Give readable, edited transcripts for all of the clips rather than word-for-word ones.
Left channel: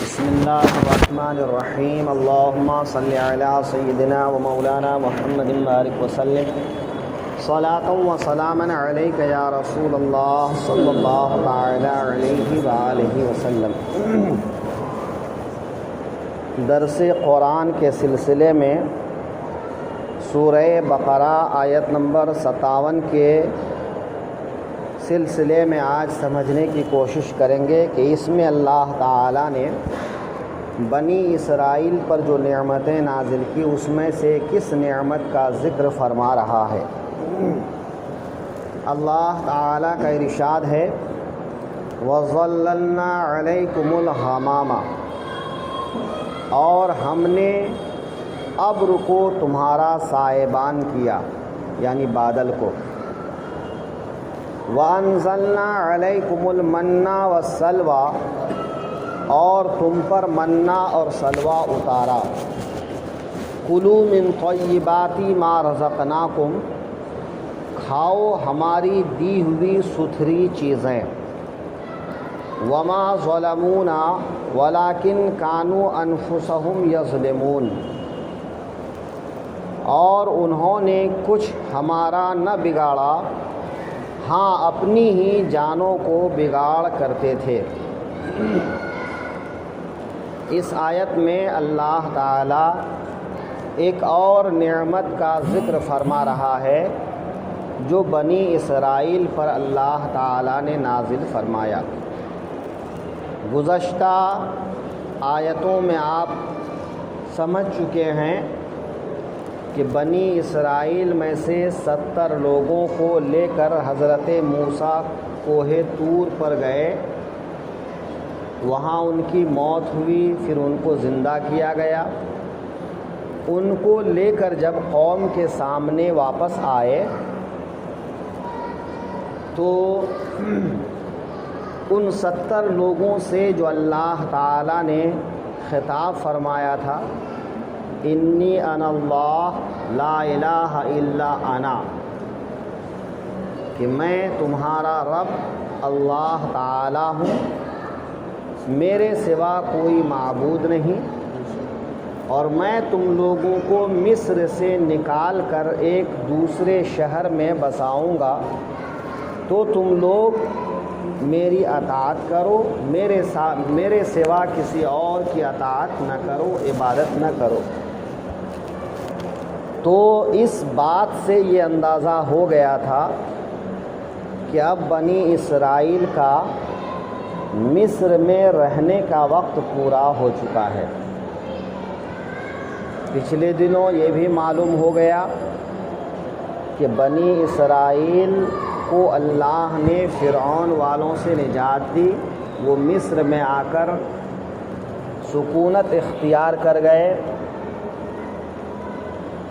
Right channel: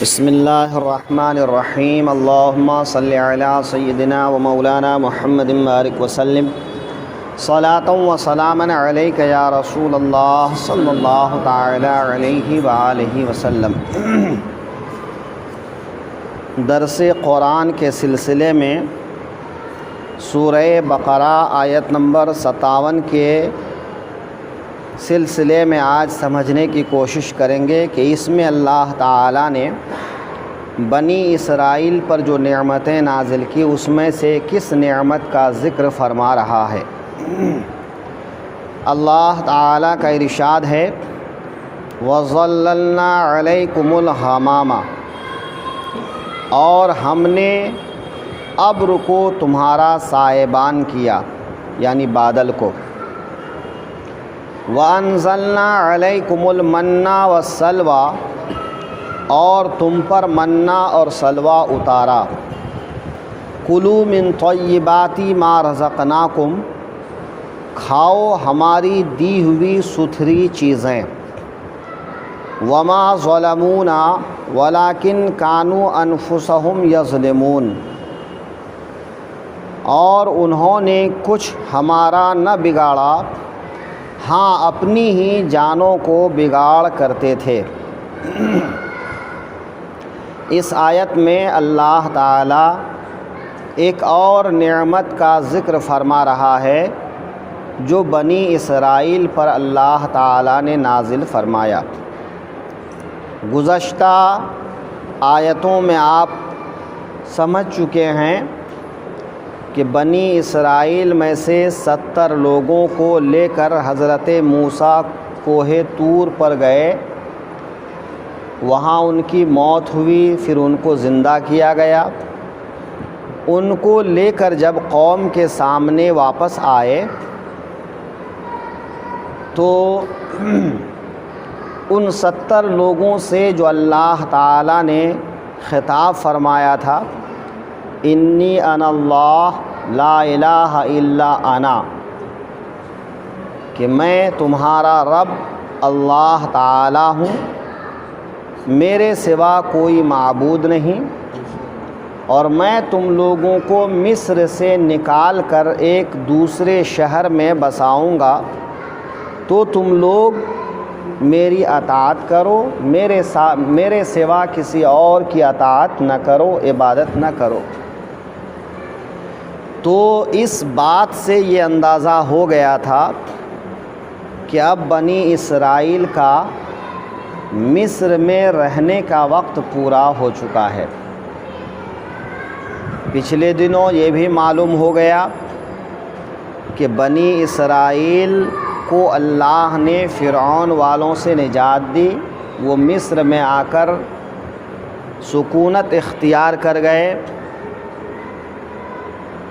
بسم اللہ الرحمن الرحیم اللہم صلی علی سیدنا و مولانا محمد بارک وسلم صلاۃ و سلاما علیک یا رسول اللہ صلی اللہ تعالی علیہ وآلہ وسلم۔ درس قرآن کے سلسلے میں سورہ بقرہ آیت نمبر 57 کے سلسلے میں آج سمجھنے کی کوشش کریں گے کہ اس میں اللہ تعالیٰ نے بنی اسرائیل پر جو نعمتیں نازل کی اس میں سے کس نعمت کا ذکر فرما رہا ہے۔ اللہ تعالیٰ کا ارشاد ہے وَظَلَّلْنَا عَلَيْكُمُ الْغَمَامَ، اور ہم نے ابر کو تمہارا سائبان کیا، یعنی بادل کو۔ وَأَنزَلْنَا عَلَيْكُمُ الْمَنَّ وَالسَّلْوَىٰ، اور تم پر منّا اور سلوہ اتارا۔ کُلُوا مِن طَیِّبَاتِ مَا رَزَقْنَاکُمْ، کھاؤ ہماری دی ہوئی ستھری چیزیں۔ وَمَا ظَلَمُونَا وَلَٰكِن كَانُوا أَنفُسَهُمْ يَظْلِمُونَ، اور انہوں نے کچھ ہمارا نہ بگاڑا، ہاں اپنی ہی جانوں کو بگاڑ کرتے تھے۔ اس آیت میں اللہ تعالیٰ ایک اور نعمت کا ذکر فرما رہا ہے جو بنی اسرائیل پر اللہ تعالیٰ نے نازل فرمایا۔ گزشتہ آیتوں میں آپ سمجھ چکے ہیں کہ بنی اسرائیل میں سے 70 لوگوں کو لے کر حضرت موسیٰ کوہ طور پر گئے، وہاں ان کی موت ہوئی، پھر ان کو زندہ کیا گیا۔ ان کو لے کر جب قوم کے سامنے واپس آئے تو ان 70 لوگوں سے جو اللہ تعالیٰ نے خطاب فرمایا تھا انی انا اللہ لا الہ الا انا، کہ میں تمہارا رب اللہ تعالیٰ ہوں، میرے سوا کوئی معبود نہیں، اور میں تم لوگوں کو مصر سے نکال کر ایک دوسرے شہر میں بساؤں گا، تو تم لوگ میری اطاعت کرو، میرے سوا کسی اور کی اطاعت نہ کرو، عبادت نہ کرو۔ تو اس بات سے یہ اندازہ ہو گیا تھا کہ اب بنی اسرائیل کا مصر میں رہنے کا وقت پورا ہو چکا ہے۔ پچھلے دنوں یہ بھی معلوم ہو گیا کہ بنی اسرائیل کو اللہ نے فرعون والوں سے نجات دی، وہ مصر میں آ کر سکونت اختیار کر گئے۔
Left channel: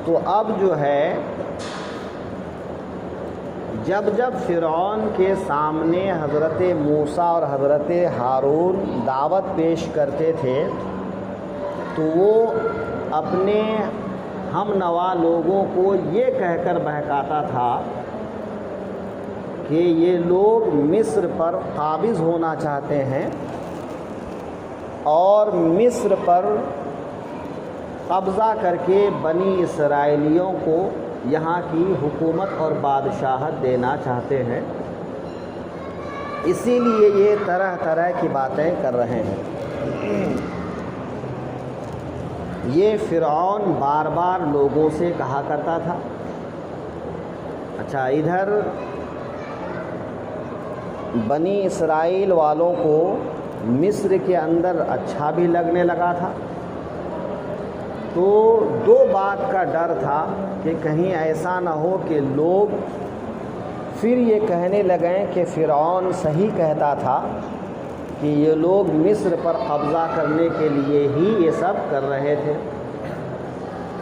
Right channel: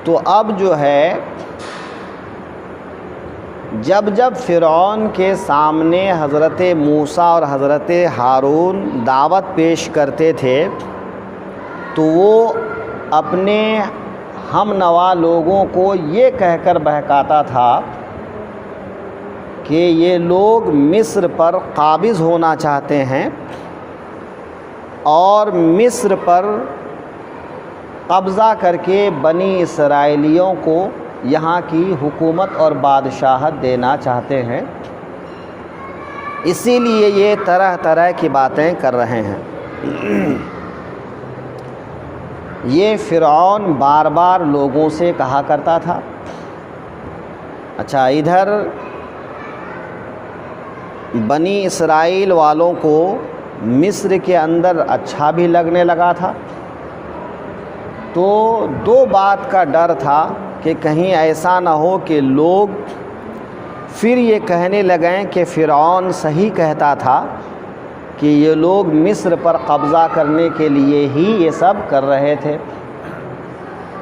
تو اب جو ہے جب فرعون کے سامنے حضرت موسیٰ اور حضرت ہارون دعوت پیش کرتے تھے تو وہ اپنے ہم نوا لوگوں کو یہ کہہ کر بہکاتا تھا کہ یہ لوگ مصر پر قابض ہونا چاہتے ہیں اور مصر پر قبضہ کر کے بنی اسرائیلیوں کو یہاں کی حکومت اور بادشاہت دینا چاہتے ہیں، اسی لیے یہ طرح طرح کی باتیں کر رہے ہیں۔ یہ فرعون بار بار لوگوں سے کہا کرتا تھا۔ اچھا، ادھر بنی اسرائیل والوں کو مصر کے اندر اچھا بھی لگنے لگا تھا، تو دو بات کا ڈر تھا کہ کہیں ایسا نہ ہو کہ لوگ پھر یہ کہنے لگیں کہ فرعون صحیح کہتا تھا کہ یہ لوگ مصر پر قبضہ کرنے کے لیے ہی یہ سب کر رہے تھے۔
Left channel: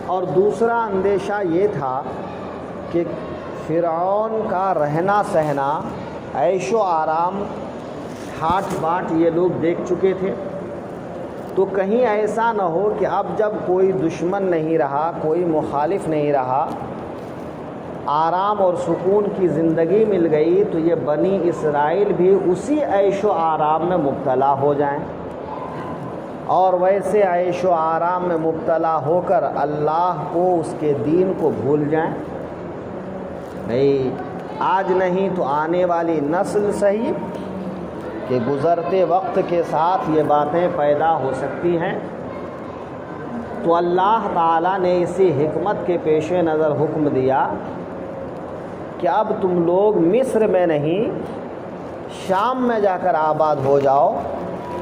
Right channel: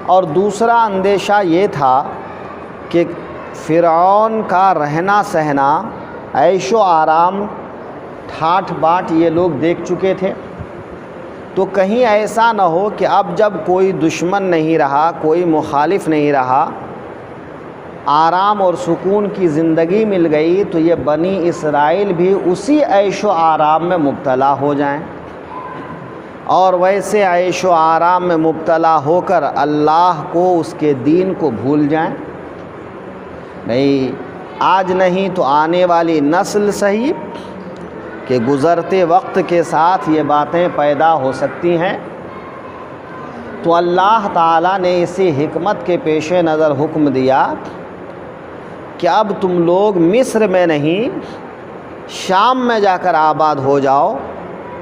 اور دوسرا اندیشہ یہ تھا کہ فرعون کا رہنا سہنا، عیش و آرام، ٹھاٹ باٹ یہ لوگ دیکھ چکے تھے، تو کہیں ایسا نہ ہو کہ اب جب کوئی دشمن نہیں رہا، کوئی مخالف نہیں رہا، آرام اور سکون کی زندگی مل گئی، تو یہ بنی اسرائیل بھی اسی عیش و آرام میں مبتلا ہو جائیں۔ اور ویسے عیش و آرام میں مبتلا ہو کر اللہ کو، اس کے دین کو بھول جائیں؟ نہیں، آج نہیں تو آنے والی نسل صحیح کہ گزرتے وقت کے ساتھ یہ باتیں پیدا ہو سکتی ہیں۔ تو اللہ تعالیٰ نے اسی حکمت کے پیش نظر حکم دیا کہ اب تم لوگ مصر میں نہیں، شام میں جا کر آباد ہو جاؤ،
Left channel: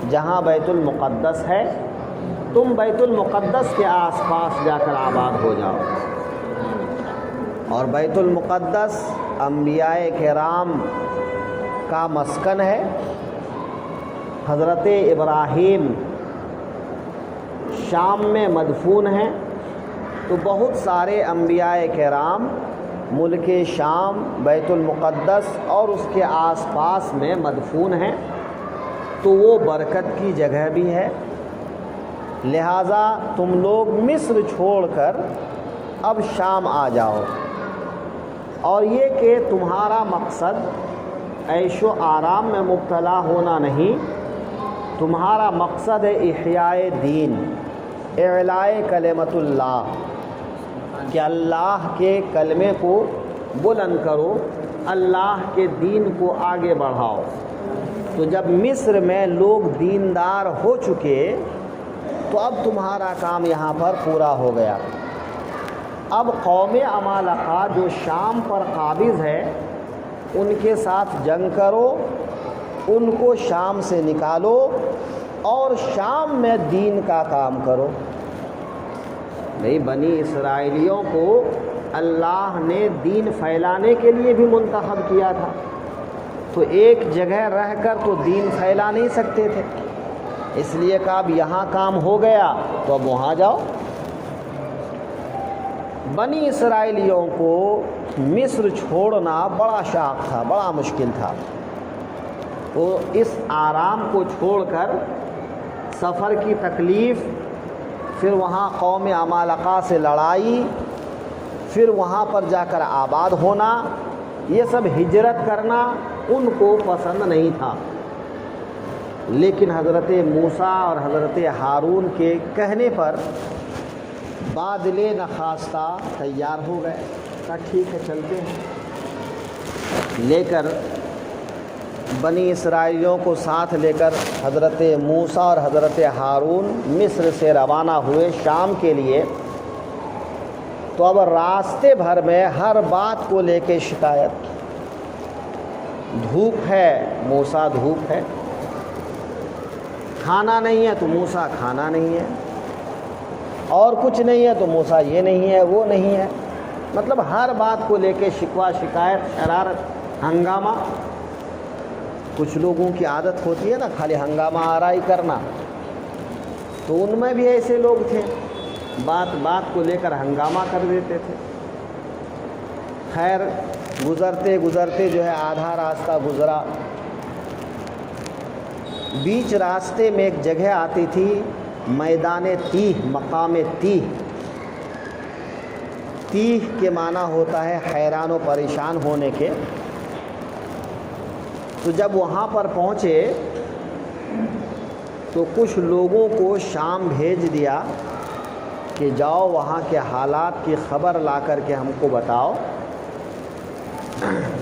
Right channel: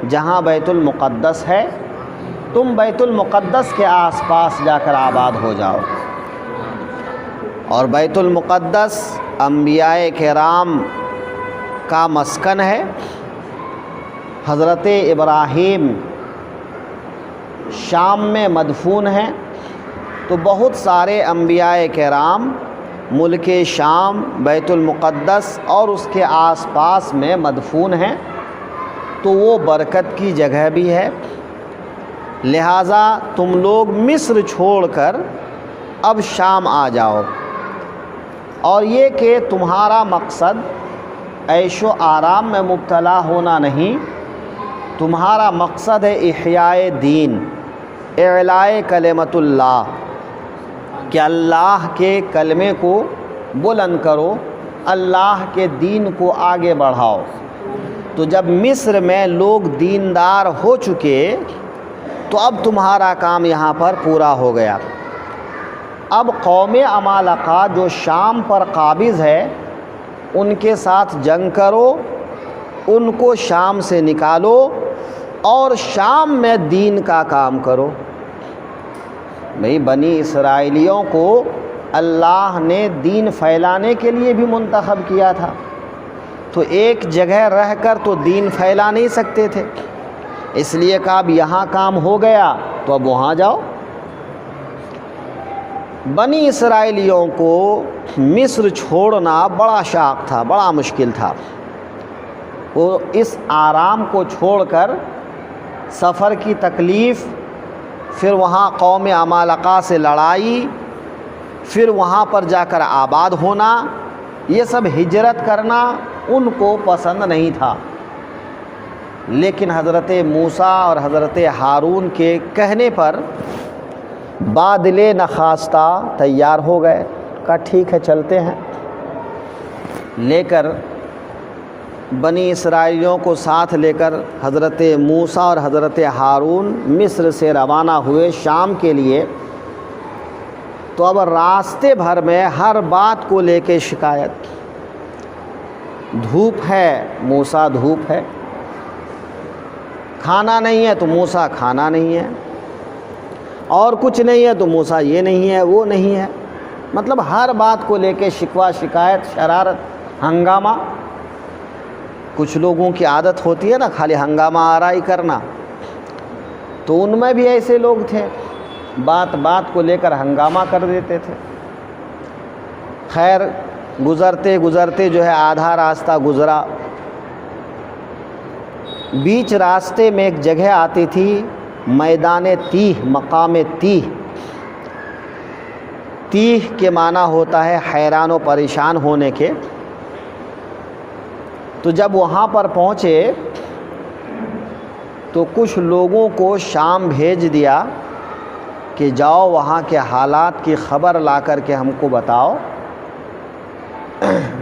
جہاں بیت المقدس ہے، تم بیت المقدس کے آس پاس جا کر آباد ہو جاؤ۔ اور بیت المقدس انبیاء کرام کا مسکن ہے۔ حضرت ابراہیم شام میں مدفون ہیں، تو بہت سارے انبیاء کرام ملک شام، بیت المقدس اور اس کے آس پاس میں مدفون ہیں، تو وہ برکت کی جگہ بھی ہے۔ لہٰذا تم لوگ مصر چھوڑ کر اب شام آ جاؤ، اور یہ کہ تمہارا مقصد عیش و آرام میں مبتلا ہونا نہیں، تمہارا مقصد ہے احیاء دین، اعلاء کلمت اللہ، کہ اللہ کے کلمے کو بلند کرو، اللہ کے دین کو آگے بڑھاؤ۔ تو جب مصر میں لوگ دیندار ہو چکے تو اب تمہارا کام یہاں پر پورا ہو گیا۔ اب قوم عمالقہ جو شام پر قابض ہے، ان کے ساتھ جنگ کرو، ان کو شام سے نکالو اور شام میں دین کا کام کرو۔ بھئی بنی اسرائیلیوں کو اللہ نے دین پھیلانے کے لیے بھی منتخب کیا تھا، تو ایک جگہ رہ کر تو دین پھیلا نہیں سکتے تھے، اس لیے کہ اب یہاں کام ہو گیا تو اب وہاں جاؤ۔ بنی اسرائیلیوں کو مصر چھوڑنا بڑا شاق تھا، بڑا مشکل تھا۔ وہ اس آرام کو چھوڑ کر سفر کی تکلیف، پھر وہاں قوم عمالقہ سے لڑائی، پھر وہاں پر جا کر آباد ہونا، یہ سب ہجرت کرنا ان کو پسند نہیں تھا۔ لیکن حضرت موسیٰ اور حضرت ہارون کے کہنے پر بادل نخواستہ تیار ہو گئے، کہا ٹھیک ہے چلتے ہیں۔ لے کر بنی اسرائیلیوں کو ساتھ لے کر حضرت موسیٰ اور حضرت ہارون مصر سے روانہ ہوئے شام کے لیے۔ تو اب راستے بھر میں ہر بات کو لے کے شکایت، دھوپ ہے موسیٰ دھوپ ہے، کھانا نہیں ہے تو موسیٰ کھانا نہیں ہے، اور کچھ نہیں ہے تو موسیٰ یہ نہیں ہے وہ نہیں ہے، مطلب ہر بات کو لے کے شکوہ شکایت شرارت ہنگامہ۔ کچھ لوگوں کی عادت ہوتی ہے نا خالی ہنگامہ آرائی کرنا، تو ان میں بھی ایسے لوگ تھے، بات بات کو لے کر ہنگامہ کر دیتے تھے۔ خیر گزرتے گزرتے جو ہے آدھا راستہ گزرا، بیچ راستے میں ایک جگہ آتی تھی میدان تیہ، مقام تیہ۔ تیہ کے معنی ہوتا ہے حیران و پریشان ہونے کے۔ تو جب وہاں پر پہنچے تو کچھ لوگوں کو شام بھیج دیا کہ جاؤ وہاں کے حالات کی خبر لا کر کے ہم کو بتاؤ۔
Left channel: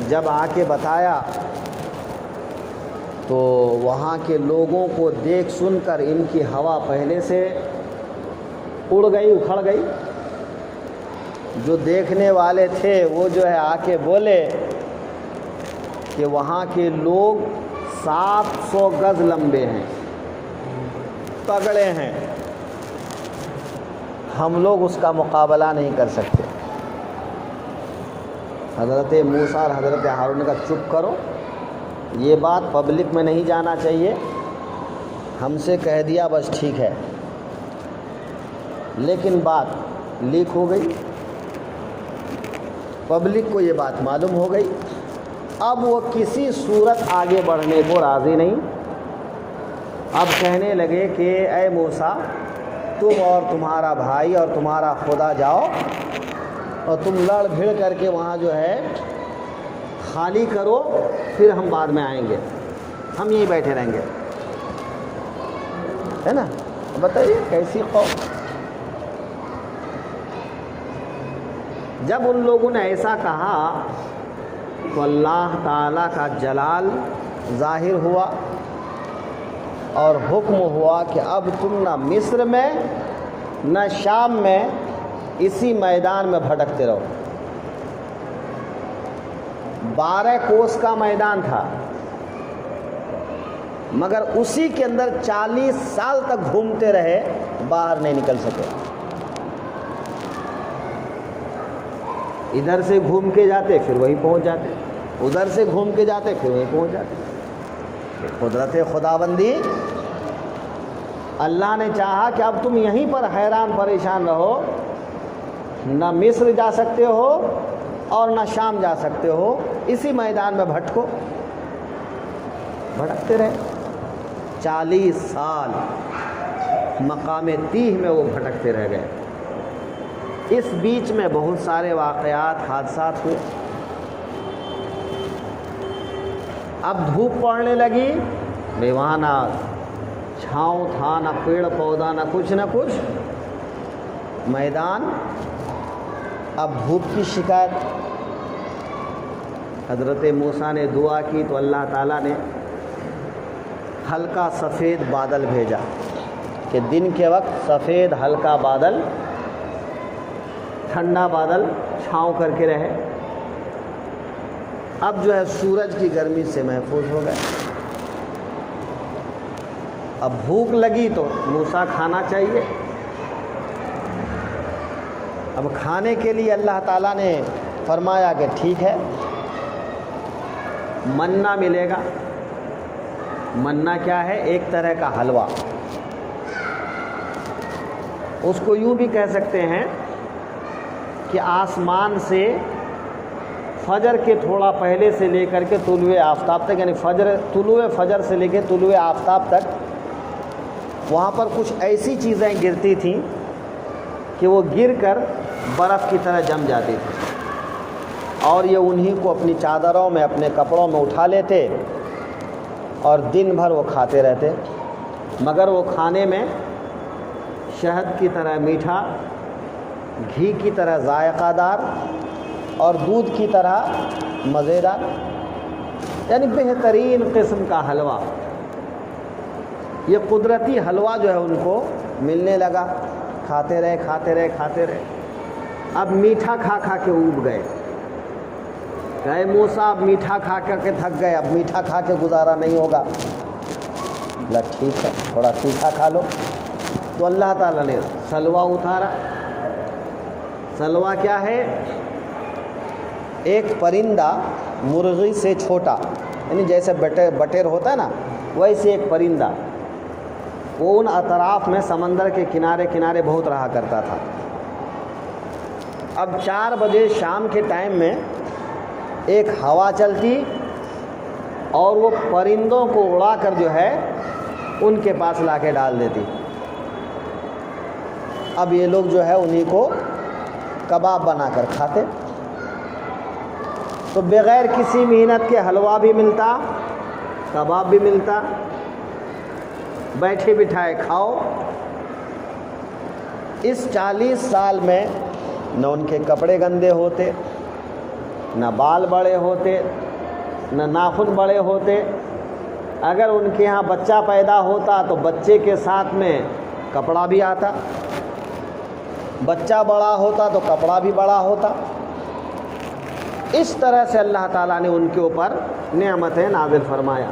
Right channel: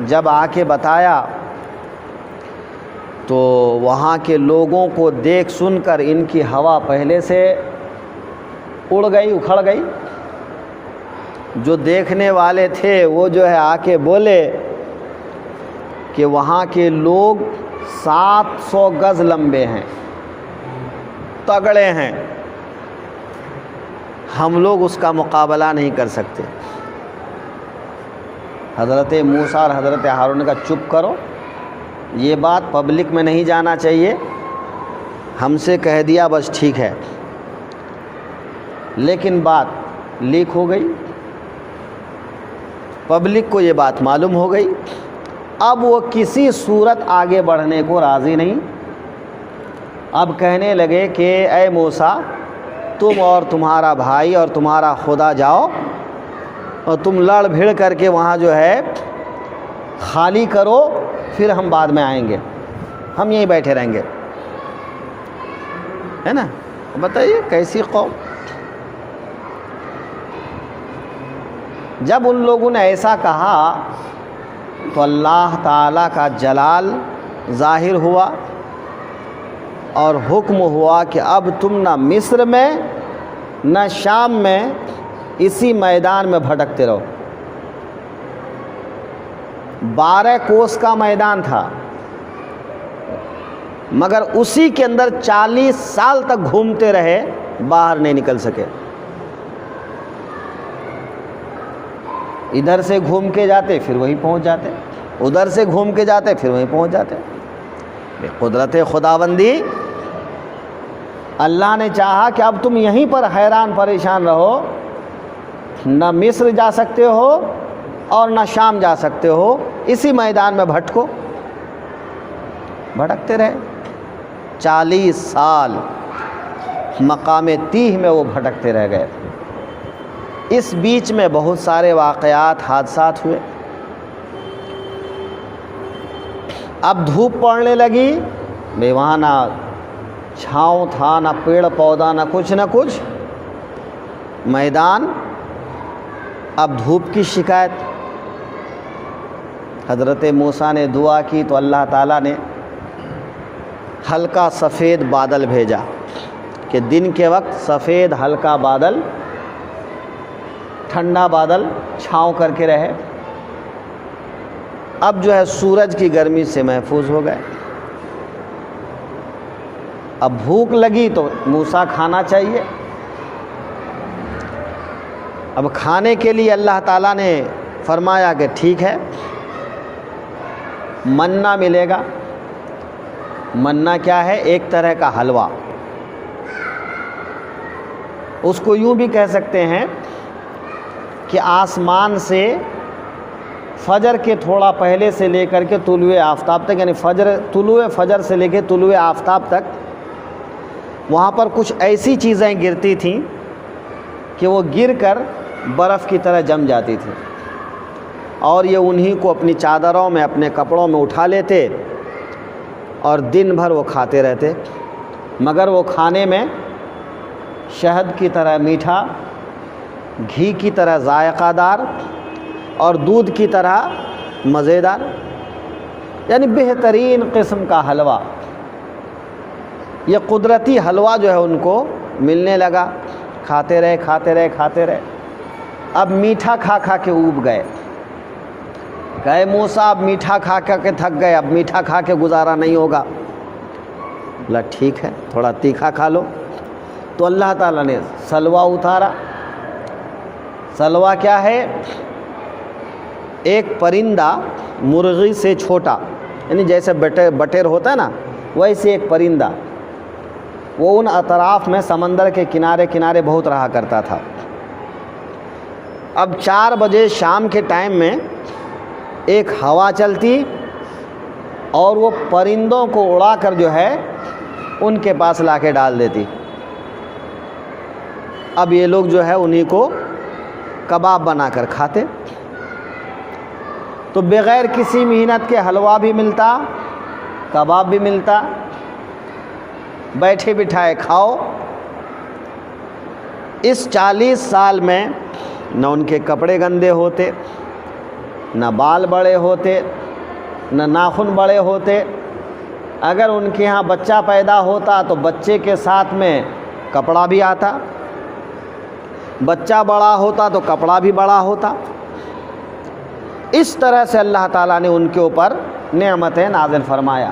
جب آ کے بتایا تو وہاں کے لوگوں کو دیکھ سن کر ان کی ہوا پہلے سے اڑ گئی، اکھڑ گئی۔ جو دیکھنے والے تھے وہ جو ہے آ کے بولے کہ وہاں کے لوگ 700 گز لمبے ہیں، تگڑے ہیں، ہم لوگ اس کا مقابلہ نہیں کر سکتے۔ حضرت موسیٰ اور حضرت ہارون نے کہا چپ کرو، یہ بات پبلک میں نہیں جانا چاہیے، ہم سے کہہ دیا بس ٹھیک ہے۔ لیکن بات لیک ہو گئی، پبلک کو یہ بات معلوم ہو گئی۔ اب وہ کسی صورت آگے بڑھنے کو راضی نہیں۔ اب کہنے لگے کہ اے موسیٰ، تم اور تمہارا بھائی اور تمہارا خدا جاؤ اور تم لڑ بھیڑ کر کے وہاں جو ہے خالی کرو، پھر ہم بعد میں آئیں گے، ہم یہیں بیٹھے رہیں گے، ہے نا۔ بتائیے کیسی قوم. جب ان لوگوں نے ایسا کہا تو اللہ تعالیٰ کا جلال ظاہر ہوا اور حکم ہوا کہ اب تم نہ مصر میں نہ شام میں اسی میدان میں بھٹکتے رہو. 12 کوس کا میدان تھا مگر اسی کے اندر 40 سال تک گھومتے رہے, باہر نہیں نکل سکے. ادھر سے گھوم کے جاتے پھر وہیں پہنچ جاتے, ادھر سے گھوم کے جاتے پھر وہیں پہنچ جاتے. قدرت خداوندی. اللہ نے چاہا کہ اب تم یہیں پر حیران پریشان رہو, نہ مصر جا سکتے ہو اور نہ شام جا سکتے ہو, اسی میدان میں بھٹکو. بھٹکتے رہے 40 سال مقام تیہ میں وہ بھٹکتے رہ گئے. اس بیچ میں بہت سارے واقعات حادثات ہوئے. اب دھوپ پڑنے لگی, بے وہاں نہ چھاؤں تھا, نہ پیڑ پودا, نہ کچھ میدان. اب دھوپ کی شکایت. حضرت موسیٰ نے دعا کی تو اللہ تعالیٰ نے ہلکا سفید بادل بھیجا کہ دن کے وقت سفید ہلکا بادل, ٹھنڈا بادل چھاؤں کر کے رہے. اب جو ہے سورج کی گرمی سے محفوظ ہو گئے. اب بھوک لگی تو موسیٰ کھانا چاہیے. اب کھانے کے لیے اللہ تعالیٰ نے فرمایا کہ ٹھیک ہے منا ملے گا. منا کیا ہے؟ ایک طرح کا حلوہ. اس کو یوں بھی کہہ سکتے ہیں کہ آسمان سے فجر کے تھوڑا پہلے سے لے کر کے طلوع آفتاب تک, یعنی طلوع فجر سے لے کے طلوع آفتاب تک وہاں پر کچھ ایسی چیزیں گرتی تھیں کہ وہ گر کر برف کی طرح جم جاتی تھی, اور یہ انہی کو اپنی چادروں میں, اپنے کپڑوں میں اٹھا لیتے اور دن بھر وہ کھاتے رہتے. مگر وہ کھانے میں شہد کی طرح میٹھا, گھی کی طرح ذائقہ دار اور دودھ کی طرح مزیدار, یعنی بہترین قسم کا حلوہ. یہ قدرتی حلوہ جو ہے ان کو ملنے لگا. کھاتے رہے. اب میٹھا کھا کھا کے اوب گئے. کہے موسیٰ اب میٹھا کھا کے تھک گئے, اب میٹھا کھا کے گزارا نہیں ہوگا. بولا ٹھیک ہے تھوڑا تیکھا کھا لو. تو اللہ تعالیٰ نے سلوا اتارا. سلوا کیا ہے؟ ایک پرندہ مرغی سے چھوٹا, یعنی جیسے بٹیر ہوتا ہے نا, ویسے ایک پرندہ. وہ ان اطراف میں سمندر کے کنارے بہت رہا کرتا تھا. اب 4 بجے شام کے ٹائم میں ایک ہوا چلتی اور وہ پرندوں کو اڑا کر جو ہے ان کے پاس لا کے ڈال دیتی. اب یہ لوگ جو ہے انہی کو کباب بنا کر کھاتے. تو بغیر کسی محنت کے حلوہ بھی ملتا, کباب بھی ملتا, بیٹھے بٹھائے کھاؤ. اس 40 سال میں نہ ان کے کپڑے گندے ہوتے, نہ بال بڑے ہوتے, نہ ناخن بڑے ہوتے. اگر ان کے ہاں بچہ پیدا ہوتا تو بچے کے ساتھ میں کپڑا بھی آتا, بچہ بڑا ہوتا تو کپڑا بھی بڑا ہوتا. اس طرح سے اللہ تعالیٰ نے ان کے اوپر نعمتیں نازل فرمایا.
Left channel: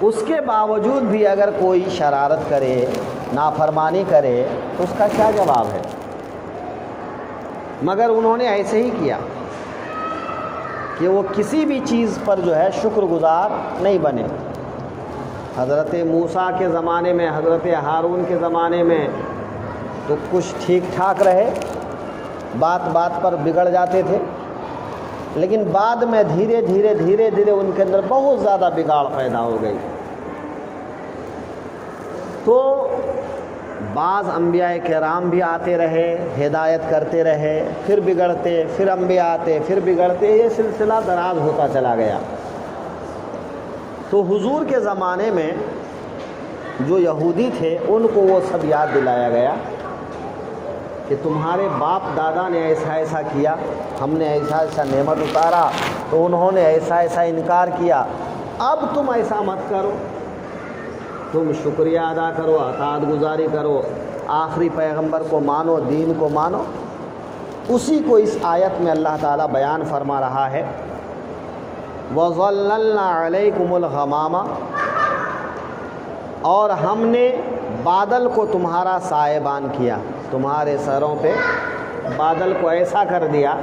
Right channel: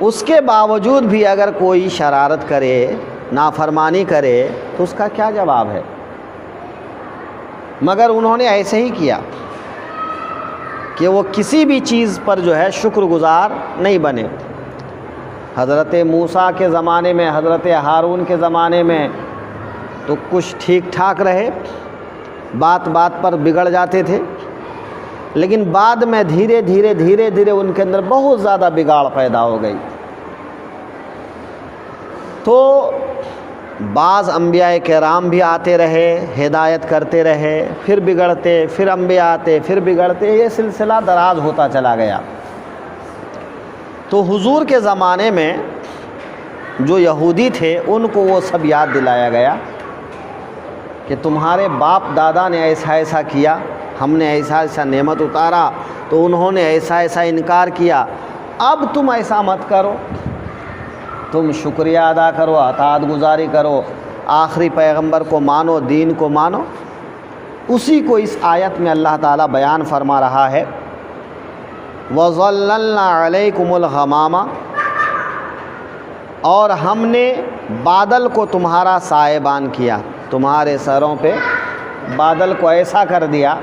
اس کے باوجود بھی اگر کوئی شرارت کرے, نافرمانی کرے تو اس کا کیا جواب ہے؟ مگر انہوں نے ایسے ہی کیا کہ وہ کسی بھی چیز پر جو ہے شکر گزار نہیں بنے. حضرت موسیٰ کے زمانے میں, حضرت ہارون کے زمانے میں تو کچھ ٹھیک ٹھاک رہے, بات پر بگڑ جاتے تھے, لیکن بعد میں دھیرے دھیرے ان کے اندر بہت زیادہ بگاڑ پیدا ہو گئی. تو بعض انبیاء کرام بھی آتے رہے, ہدایت کرتے رہے, پھر بگڑتے, پھر انبیاء آتے, پھر بگڑتے, یہ سلسلہ دراز ہوتا چلا گیا. تو حضور کے زمانے میں جو یہودی تھے ان کو وہ سب یاد دلایا گیا کہ تمہارے باپ دادا نے ایسا ایسا کیا، ہم نے ایسا ایسا نعمت اتارا تو انہوں نے ایسا ایسا انکار کیا، اب تم ایسا مت کرو، تم شکریہ ادا کرو، اطاعت گزاری کرو، آخری پیغمبر کو مانو، دین کو مانو۔ اسی کو اس آیت میں اللہ تعالیٰ بیان فرما رہا ہے، وَظَلَّلْنَا عَلَيْكُمُ الْغَمَامَ، اور ہم نے بادل کو تمہارا سائبان کیا، تمہارے سروں پہ بادل کو ایسا کر دیا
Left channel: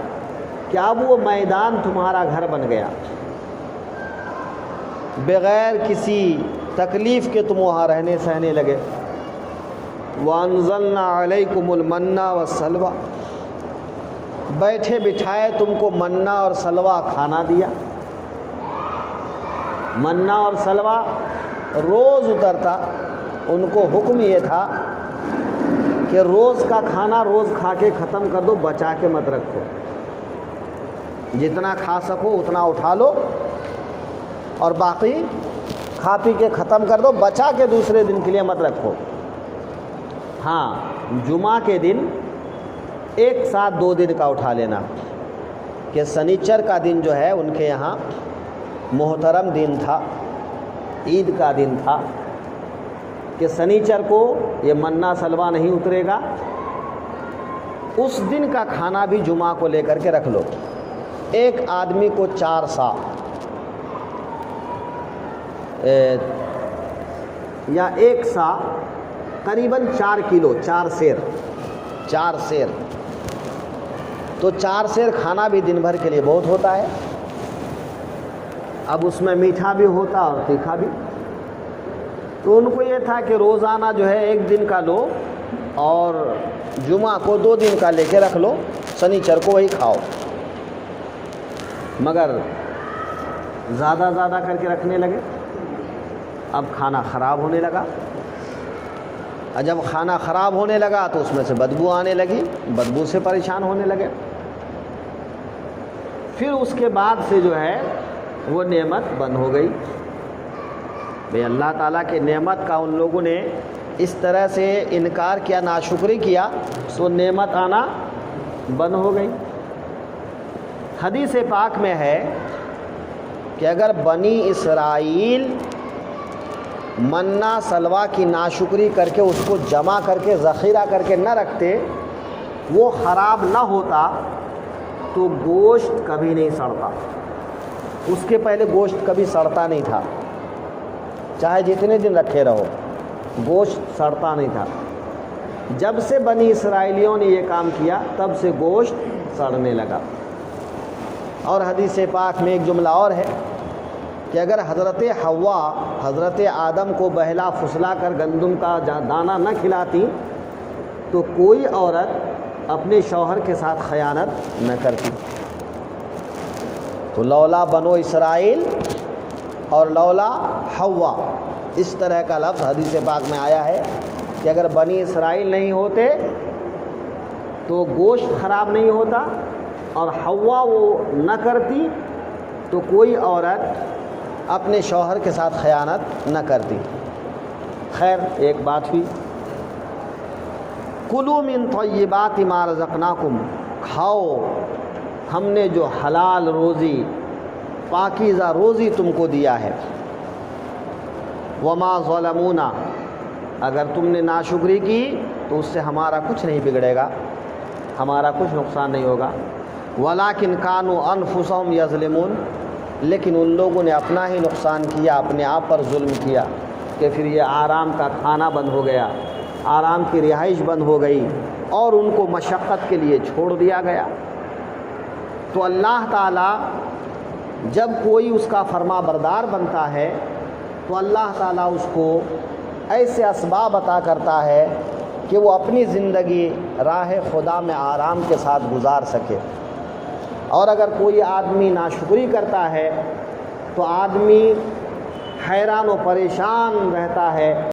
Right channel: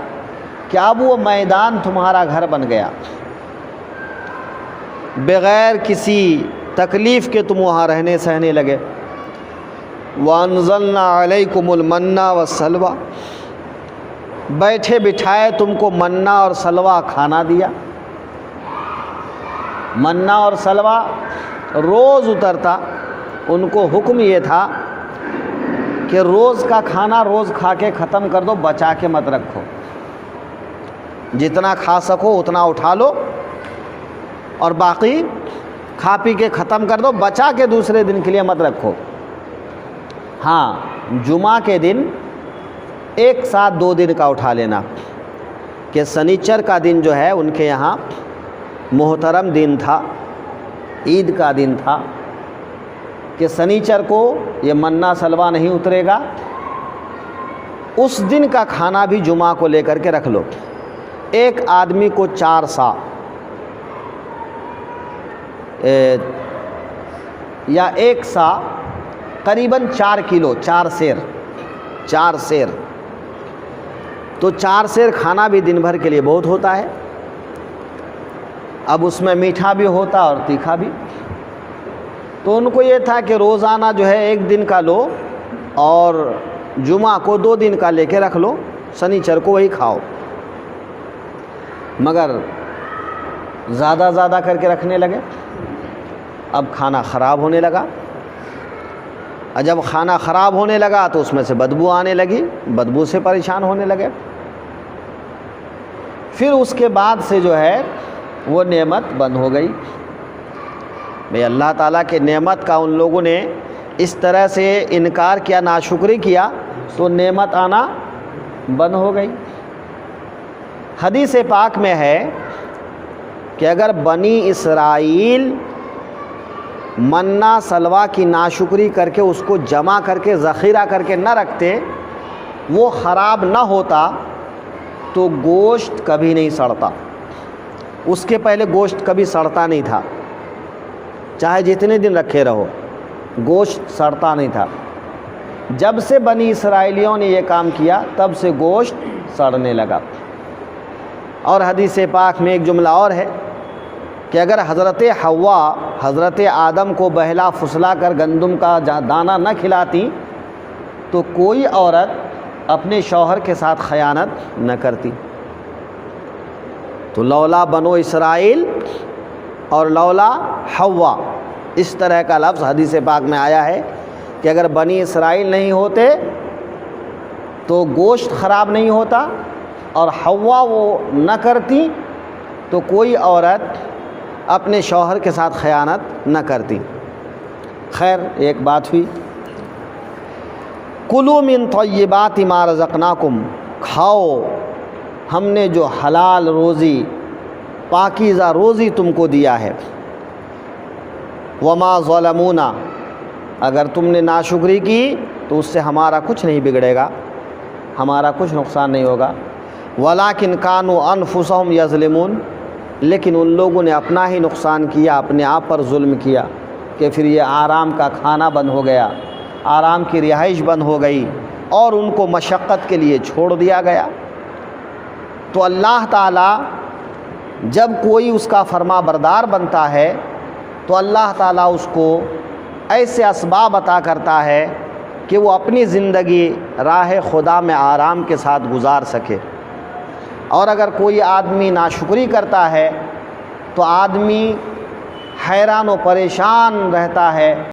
کہ اب وہ میدان تمہارا گھر بن گیا، بغیر کسی تکلیف کے تم وہاں رہنے سہنے لگے۔ وَأَنزَلْنَا عَلَيْكُمُ الْمَنَّ وَالسَّلْوَىٰ، بیٹھے بٹھائے تم کو منا اور سلوا کھانا دیا۔ منا اور سلوا روز اترتا، ان کو حکم یہ تھا کہ روز کا کھانا روز کھا کے ختم کر دو، بچا کے مت رکھو، جتنا کھا سکو اتنا اٹھا لو اور باقی کھا پی کے ختم کر دو، بچا کے دوسرے دن کے لیے مت رکھو۔ ہاں، جمعہ کے دن ایک ساتھ 2 دن کا اٹھا لینا، کہ سنیچر کا دن جو ہے ان کے یہاں محترم دن تھا، عید کا دن تھا، کہ سنیچر کو یہ منا سلوا نہیں اترے گا، اس دن کا کھانا بھی جمعہ کو لے کر کے رکھ لو۔ ایک آدمی کو 4 سا یا 1 سا قریباً 4 کلو، 4 سیر، تو 4 سیر کھانا بھی دن بھر کے لیے بہت ہوتا ہے۔ اب اس میں میٹھا بھی ہوتا اور تیکھا بھی، تو ان کو یہ تھا کہ روزانہ جو ہے 1 دن کا لو اور جمعہ کو 2 دن کا لے کے رکھ لو، سنیچر کو وہی کھاؤ۔ مگر زیادہ کر کے رکھنے لگے، اب کھانا خراب ہونے لگا، اور جب کھانا خراب ہونے لگا تو اس میں سے بدبو آنے لگی، بدبو سے پریشان ہونے لگے۔ پھر اس کے بعد سے جو ہے وہ نعمت بند ہو گئی۔ بھئی اللہ تعالیٰ کے نعمت کا ان لوگوں نے اس طرح سے انکار کیا، ناشکری کیا، تو نعمت آنا بند ہو گئی۔ حدیث پاک میں ہے کہ اگر بنی اسرائیل منا سلوا کی ناشکری کر کے اس کو جمع کر کے ذخیرہ کر کے نہ رکھتے، وہ خراب نہ ہوتا تو گوشت کبھی نہیں سڑتا۔ اس کے پہلے گوشت کبھی سڑتا نہیں تھا، چاہے جتنے دن رکھے رہو، گوشت سڑتا نہیں تھا۔ جب سے بنی اسرائیلیوں نے یہ کام کیا تب سے گوشت سڑنے لگا۔ اور حدیث پاک میں ایک جملہ اور ہے کہ اگر حضرت حوا حضرت آدم کو بہلا پھسلا کر گندم کا دانہ نہ کھلاتی تو کوئی عورت اپنے شوہر کے ساتھ خیانت نہ کرتی۔ تو لولا بنو اسرائیل اور لولا حوا، اس طرح کا لفظ حدیث پاک میں آیا ہے کہ اگر بنی اسرائیل نہیں ہوتے تو گوشت خراب نہیں ہوتا، اور حوا وہ نہ کرتی تو کوئی عورت اپنے شوہر کے ساتھ خیانت نہ کرتی۔ خیر، ایک بات ہوئی، کلوا من طیبات ما رزقناکم، کھاؤ ہم نے جو حلال روزی، پاکیزہ روزی تم کو دیا ہے۔ وما ظلمونا، اگر تم نے ناشکری کی تو اس سے ہمارا کچھ نہیں بگڑے گا، ہمارا کچھ نقصان نہیں ہوگا۔ ولیکن کانوا انفسہم یظلمون، لیکن ان لوگوں نے اپنا ہی نقصان کیا، اپنے آپ پر ظلم کیا، کہ پھر یہ آرام کا کھانا بند ہو گیا، آرام کی رہائش بند ہو گئی، اور ان کو مشقت کے لیے چھوڑ دیا گیا۔ تو اللہ تعالیٰ جب کوئی اس کا فرما بردار بنتا ہے تو اللہ تعالیٰ اس کو ایسے اسباب عطا کرتا ہے کہ وہ اپنی زندگی راہ خدا میں آرام کے ساتھ گزار سکے۔ اور اگر کوئی آدمی ناشکری کرتا ہے تو آدمی حیران و پریشان رہتا ہے